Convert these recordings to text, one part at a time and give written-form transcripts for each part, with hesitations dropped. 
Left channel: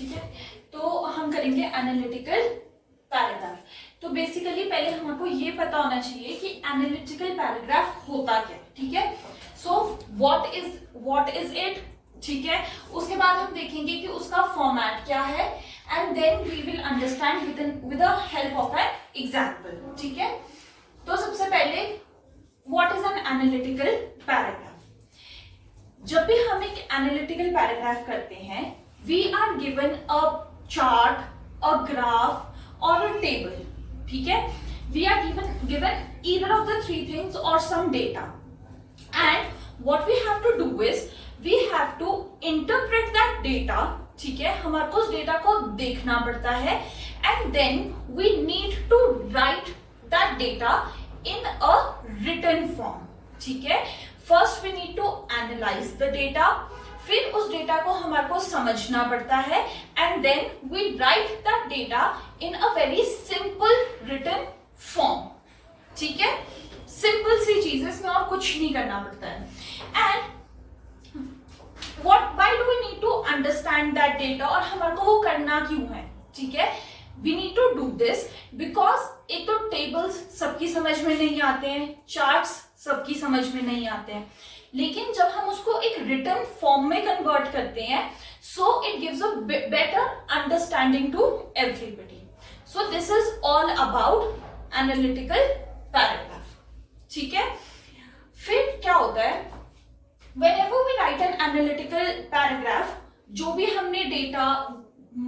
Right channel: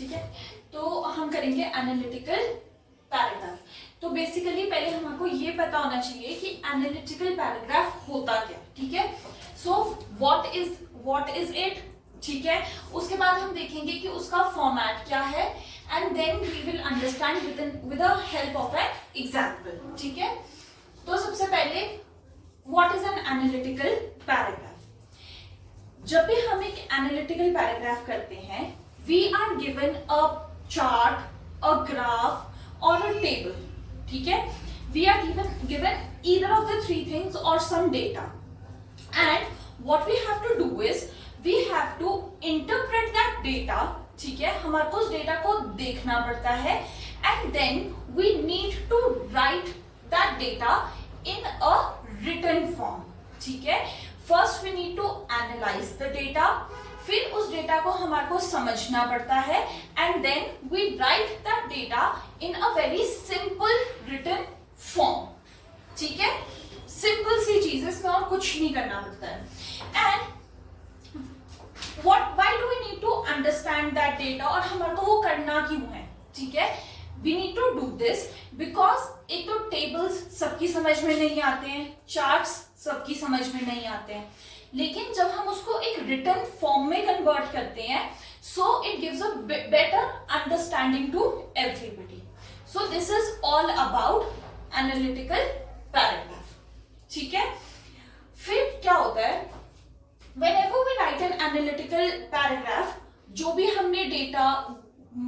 ठीक है, तो हम करेंगे एनालिटिकल पैराग्राफ। तो बेसिकली पहले हमको ये पता होना चाहिए कि एनालिटिकल पैराग्राफ होता क्या, ठीक है। सो व्हाट इज इट, ठीक है। उसके बाद हम देखेंगे कि उसका फॉर्मेट क्या है, and then we will understand with the help of an example, ठीक है। तो सबसे पहले what is an analytical paragraph. जब भी हम एक एनालिटिकल पैराग्राफ करते हैं, we are given a chart, a graph और अ टेबल, ठीक है। We are given either of the three things or some data, and what we have to do is we have to interpret that data, ठीक है। हमारे को उस data को देखना पड़ता है, and then we need to write that data in a written form, ठीक है। First we need to analyse the data, फिर उस डेटा को हमारे को समझना पड़ता है, and then we write that data in a very simple written form, ठीक है। सिंपल सी चीज, इसमें और कुछ नहीं करना पड़ता है। And why do we need to understand that data, और हमारे को वो करना क्यों है, ठीक है। We need to do this because एक तो टेबल्स सबकी समझ में नहीं आते हैं, चार्ट्स सबकी समझ में नहीं आते हैं, लेकिन जब हम उसको एक रिटन फॉर्म में कन्वर्ट करते हैं, so it gives a better understanding to everybody. So this is all about analytical paragraph, ठीक है। फिर क्या होता है, whenever we write an analytical paragraph, जो भी हमने डेटा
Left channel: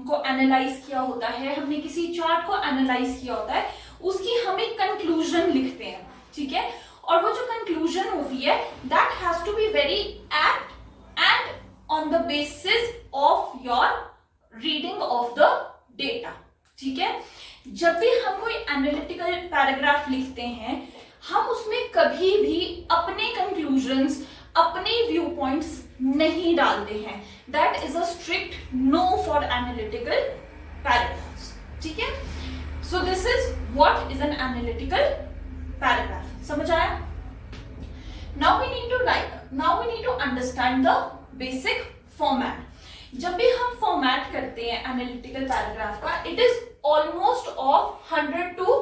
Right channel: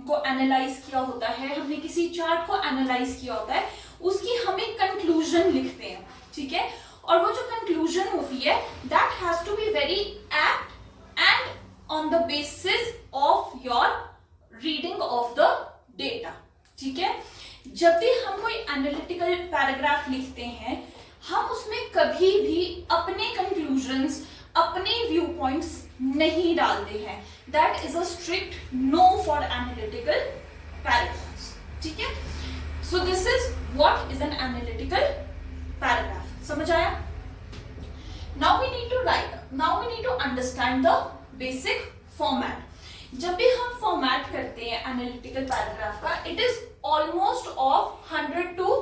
को एनालाइज किया होता है, हमने किसी चार्ट को एनालाइज किया होता है, उसकी हम एक कंक्लूजन लिखते हैं, ठीक है। और वो जो कंक्लूजन होती है, that has to be very apt and on the basis of your reading of the data, ठीक है। जब भी हम कोई एनालिटिकल पैराग्राफ लिखते हैं, हम उसमें कभी भी अपने कंक्लूजन्स, अपने व्यू पॉइंट्स नहीं डालते हैं। That is a strict no for analytical paragraphs, ठीक है। So this is what is an analytical paragraph. समझ आया? Now we need to understand the basic format. जब भी हम फॉर्मेट करते हैं एनालिटिकल पैराग्राफ का, it is almost of 100 to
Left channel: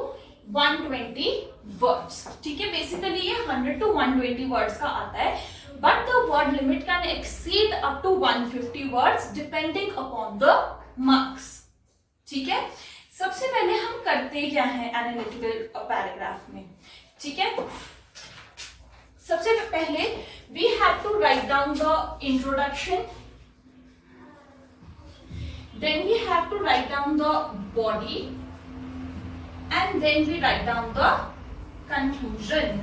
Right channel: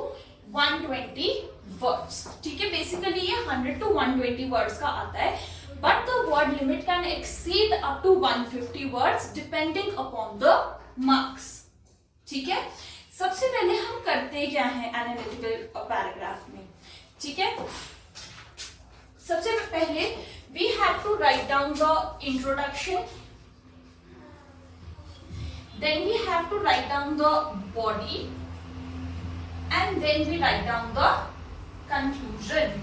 120 words, ठीक है। बेसिकली ये 100 to 120 वर्ड्स का आता है, but the word limit can exceed up to 150 words depending upon the marks, ठीक है। सबसे पहले हम करते क्या है एनालिटिकल पैराग्राफ में, ठीक है। सबसे पहले we have to write down the introduction, then we have to write down the body, and then we write down the conclusion.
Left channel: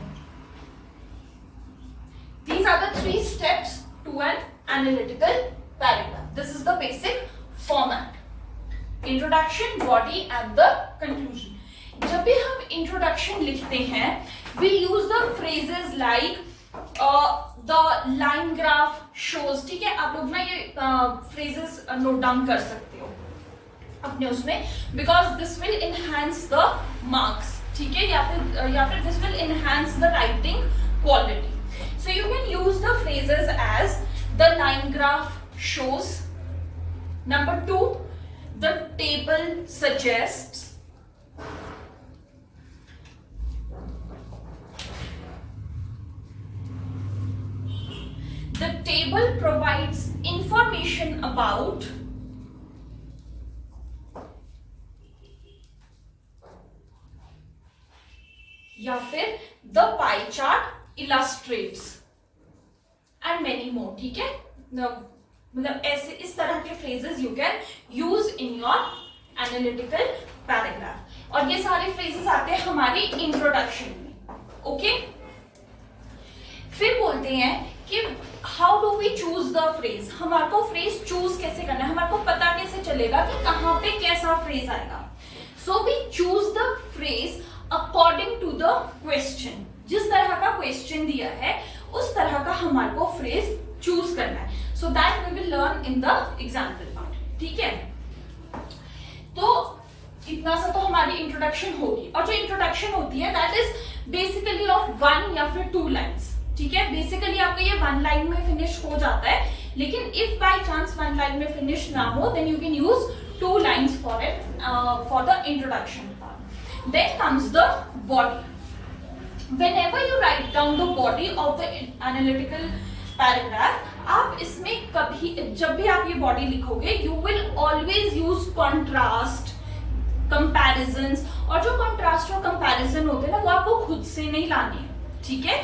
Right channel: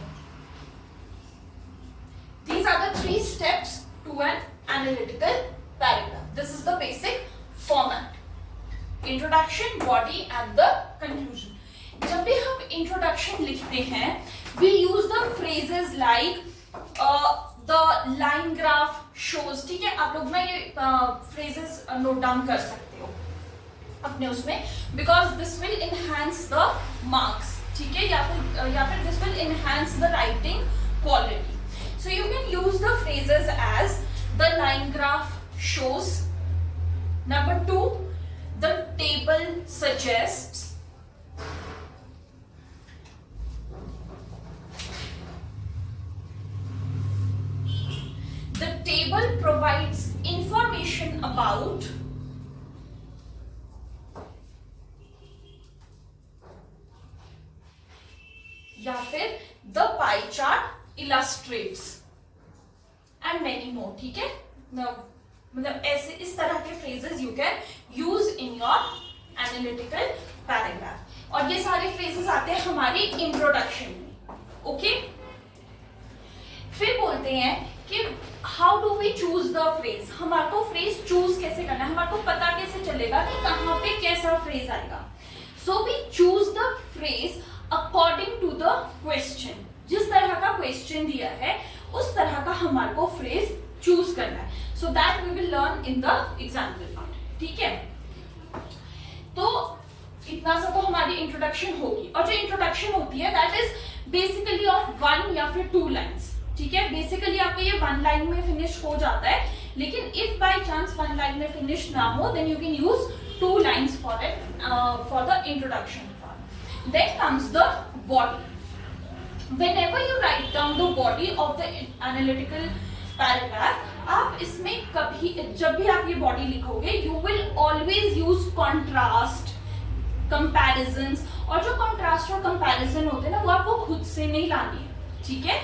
These are the three steps to an analytical paragraph. This is the basic format. Introduction, body and the conclusion. जब भी हम introduction लिखते हैं, we use the phrases like the line graph shows, ठीक है। आप लोग ना ये phrases note down कर सकते हो अपने उसमें, because this will enhance the marks, ठीक है, या फिर this will enhance the writing quality. So you can use the phrases as the line graph shows. Number 2, the table suggests. The table provides information about. या फिर the pie chart illustrates and many more, ठीक है। मतलब ऐसे इस तरह के phrases you can use in your analytical paragraph, और ये सारे phrases आते हैं हमारी introduction में, ओके। फिर बोलते हैं कि how do we choose the phrase, हमारे को phrase choose कैसे करना है, हमारे को पता कैसे चलेगा कि कहाँ पे कैसा phrase आएगा। So we choose the phrase according to the question, जिस तरह का क्वेश्चन दिया है उस तरह का हमारे को फ्रेज चूज करना है। So that we will learn in the example part, ठीक है। तो इतना सा तो हमारी इंट्रोडक्शन होगी, और जो इंट्रोडक्शन होती है दैट इज बेसिकली ऑफ 1 या फिर 2 लाइन्स, ठीक है। बेसिकली आपका ये 1 लाइन में फिनिश हो जाता है, लेकिन if by chance one line में फिनिश ना हो then you can use 2 lines for it, for the introduction part. Then comes the body. Whenever you write down the body of the analytical paragraph, आप इसमें कभी जब भी आप ये बॉडी लिखोगे you will always use contrast, comparisons, और जो कॉन्ट्रास्ट और कंपैरिजन होते हैं ना वो आपको खुद से नहीं लाने हैं, ठीक है।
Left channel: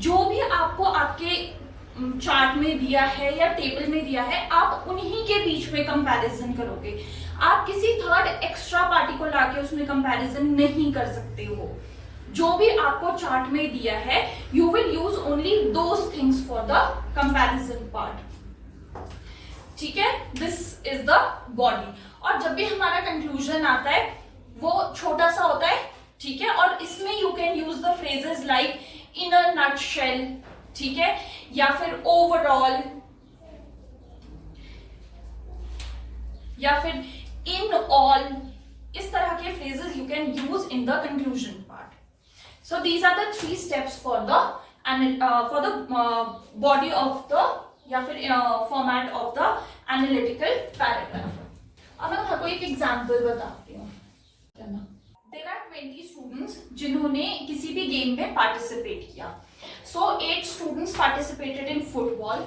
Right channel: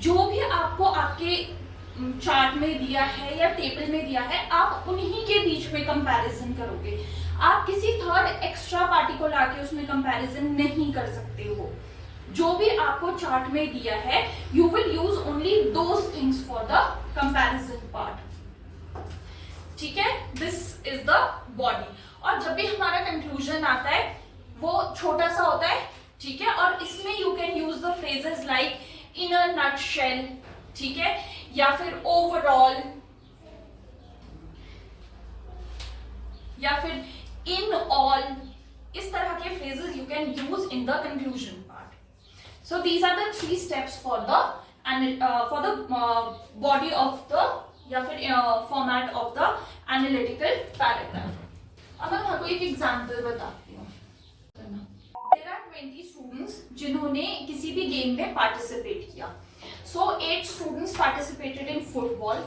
जो भी आपको आपके चार्ट में दिया है या टेबल में दिया है आप उन्हीं के बीच में कंपैरिजन करोगे। आप किसी थर्ड एक्स्ट्रा पार्टी को लाके उसमें कंपैरिजन नहीं कर सकते हो। जो भी आपको चार्ट में दिया है you will use only those things for the comparison part, ठीक है। This is the body. और जब भी हमारा कंक्लूजन आता है वो छोटा सा होता है, ठीक है, और इसमें you can use the phrases like in a nutshell, ठीक है, या फिर ओवरऑल, या फिर इन ऑल, इस तरह के phrases you can use in the conclusion part. So these are the 3 steps for the body of the या फिर format of the analytical paragraph। अब मैं आपको एक एग्जाम्पल बताती हूँ। There are 20 students जिन्होंने किसी भी गेम में पार्टिसिपेट किया। So 8 students participated in football,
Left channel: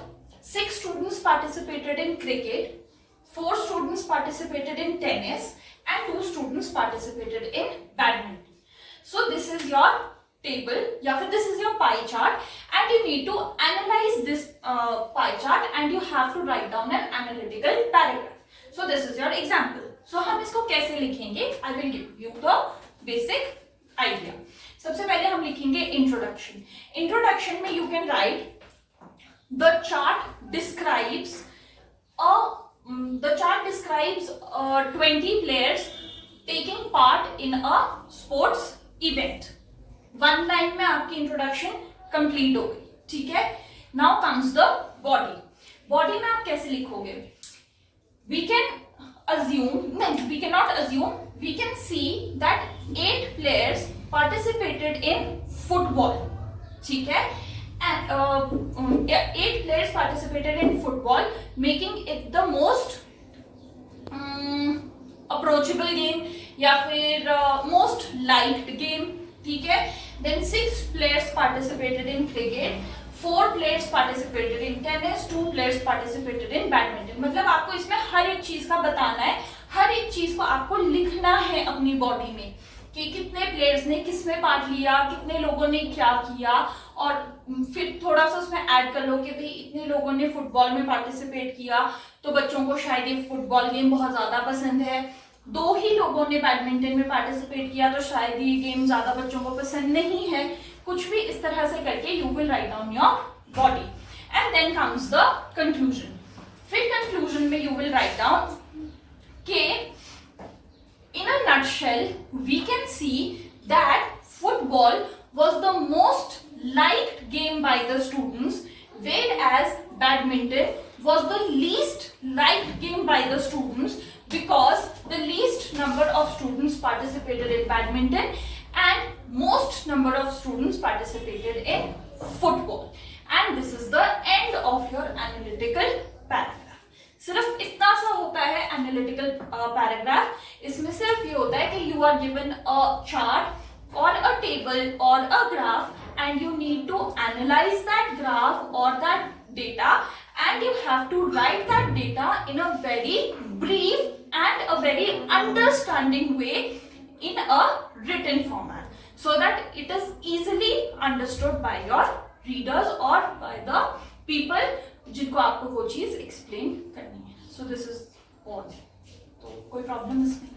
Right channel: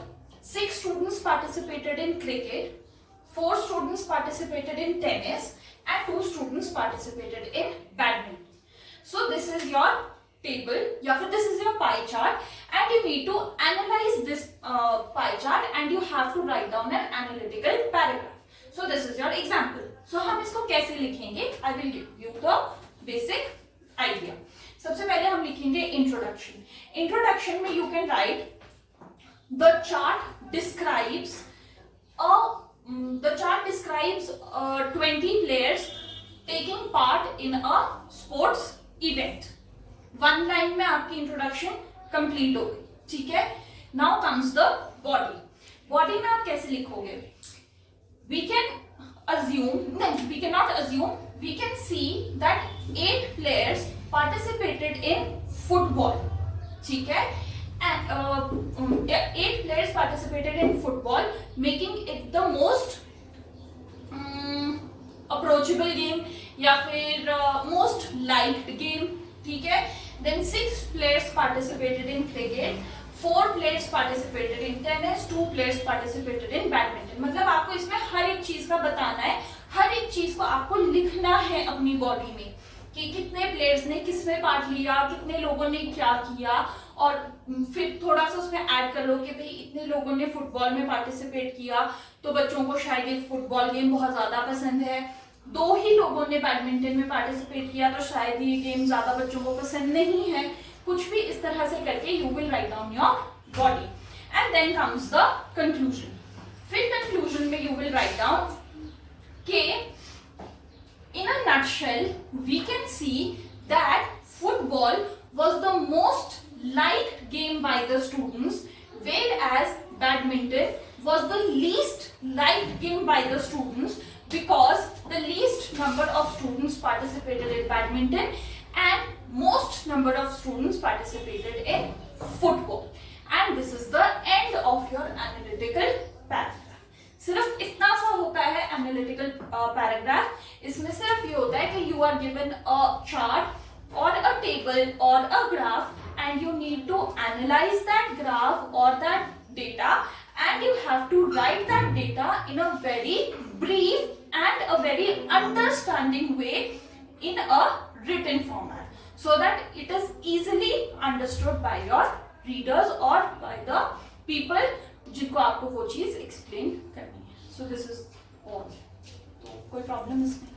6 students participated in cricket, 4 students participated in tennis, and 2 students participated in badminton. So this is your table, या फिर this is your pie chart, and you need to analyze this pie chart, and you have to write down an analytical paragraph. So this is your example. So हम इसको कैसे लिखेंगे? I will give you the basic idea. सबसे पहले हम लिखेंगे introduction. Introduction में you can write the chart describes 20 players taking part in a sports event. 1 line में आपकी इंट्रोडक्शन कंप्लीट हो गई, ठीक है। Now comes the body. Body में आप कैसे लिखोगे? वी कैन अज्यूम, नहीं we can not assume, we can see that 8 players participated in football, ठीक है, and 8 players participated in football, making it the most approachable game या फिर most liked game, ठीक है। Then 6 players participated in cricket, 4 players participated in tennis, 2 players participated in badminton। मतलब आपको इसमें हर एक चीज का बताना है, हर एक चीज को आपको लिखना है अपनी बॉडी में कि कितने प्लेयर्स ने किसमें पार्ट लिया, कितने लोगों ने क्या किया, और फिर थोड़ा सा उसमें ऐड कर लो कि भाई इतने लोगों ने फुटबॉल में पार्टिसिपेट किया तो बच्चों को शायद ये फुटबॉल गेम बहुत ज्यादा पसंद है, 2 ही लोगों ने बैडमिंटन में पार्टिसिपेट किया तो शायद ये गेम ज्यादा बच्चों को पसंद नहीं है। कुछ भी इस तरह से करके you will write down your body, and then comes the conclusion. फिर कंक्लूजन में यू विल राइट डाउन के in a nutshell we can see that football was the most liked game by the students, whereas badminton was the least liked game by the students because the least number of students participated in badminton and most number of students participated in football. And this is the end of your analytical paragraph. सिर्फ इतना सा होता है analytical paragraph. इसमें सिर्फ ये होता है कि you are given a chart और अ टेबल और a graph and you need to analyse that graph और that data and you have to write that data in a very brief and a very understanding way in a written format so that it is easily understood by your readers और by the people जिनको आपको वो चीज explain करनी है। So this is all. तो कोई problem इसमें?